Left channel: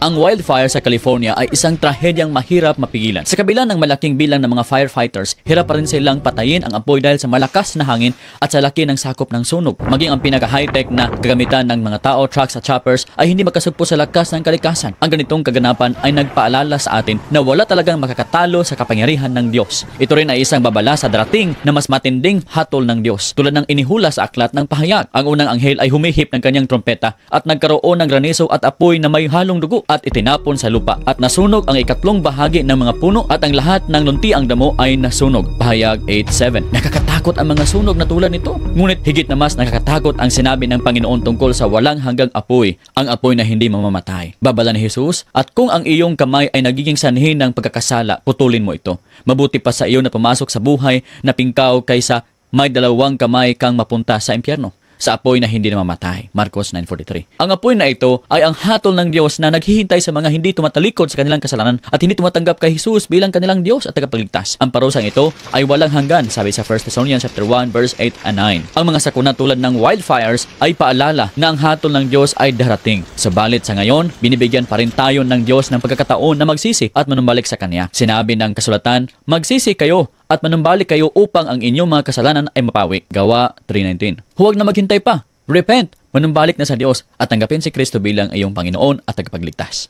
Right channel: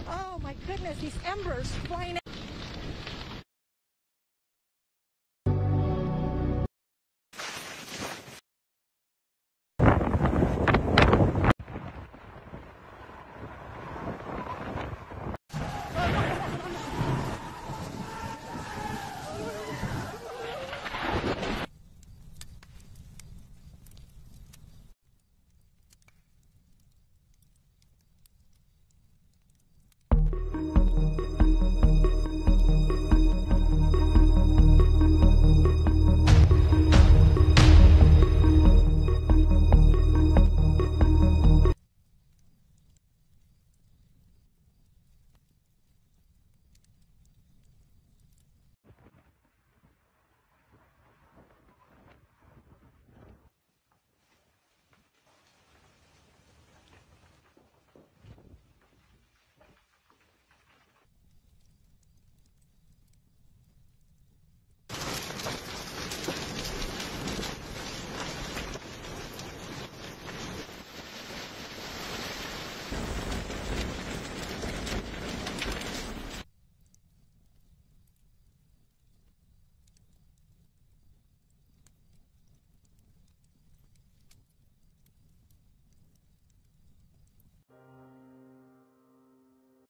Ang wildfire sa California ay isang trahedyang mahirap mapigilan. Sa kabila ng malaking bilang ng mga firefighters, hirap pa rin silang patayin ang apoy dahil sa malakas na hangin at sa laki ng sakop ng sunog. Maging ang pinaka-high-tech na gagamitan ng mga tao, trucks at choppers ay hindi makasugpo sa lakas ng kalikasan. Ang ganitong kaganapan ay nagpaalala sa atin na wala talagang makakatalo sa kapangyarihan ng Diyos. Ito rin ay isang babala sa darating na mas matinding hatol ng Diyos. Tulad ng inihula sa aklat ng pahayag. Ang unang anghel ay humihip ng kanyang trompeta at nagkaroon ng granizo at apoy na may halong dugo at itinapon sa lupa at nasunog ang ikatlong bahagi ng mga puno at ang lahat ng luntiang damo ay nasunog. Pahayag 8:7. Nakakatakot ang mga sunog na tulad nito. Ngunit higit na mas nakakatakot ang sinabi ng Panginoon tungkol sa walang hanggang apoy, ang apoy na hindi mamamatay. Babala ni Jesus, at kung ang iyong kamay ay nagiging sanhi ng pagkakasala, putulin mo ito. Mabuti pa sa iyo na pumasok sa buhay na pingkaw kaysa may dalawang kamay kang mapunta sa impyerno, sa apoy na hindi namamatay. Marcos 9:43. Ang apoy na ito ay ang hatol ng Diyos na naghihintay sa mga hindi tumatalikod sa kanilang kasalanan at hindi tumatanggap kay Jesus bilang kanilang Diyos at tagapagligtas. Ang parusang ito ay walang hanggan, sabi sa 1 Thessalonians 1 verse 8 and 9. Ang mga sakuna tulad ng wildfires ay paalala na ang hatol ng Diyos ay darating. Subalit sa ngayon, binibigyan pa rin tayo ng Diyos ng pagkakataon na magsisi at manumbalik sa Kanya. Sinabi ng kasulatan, magsisi kayo at manumbalik kayo upang ang inyong mga kasalanan ay mapawi. Gawa 3:19. Huwag na maghintay pa. Repent, manumbalik na sa Diyos at tanggapin si Kristo bilang iyong Panginoon at tagapagligtas.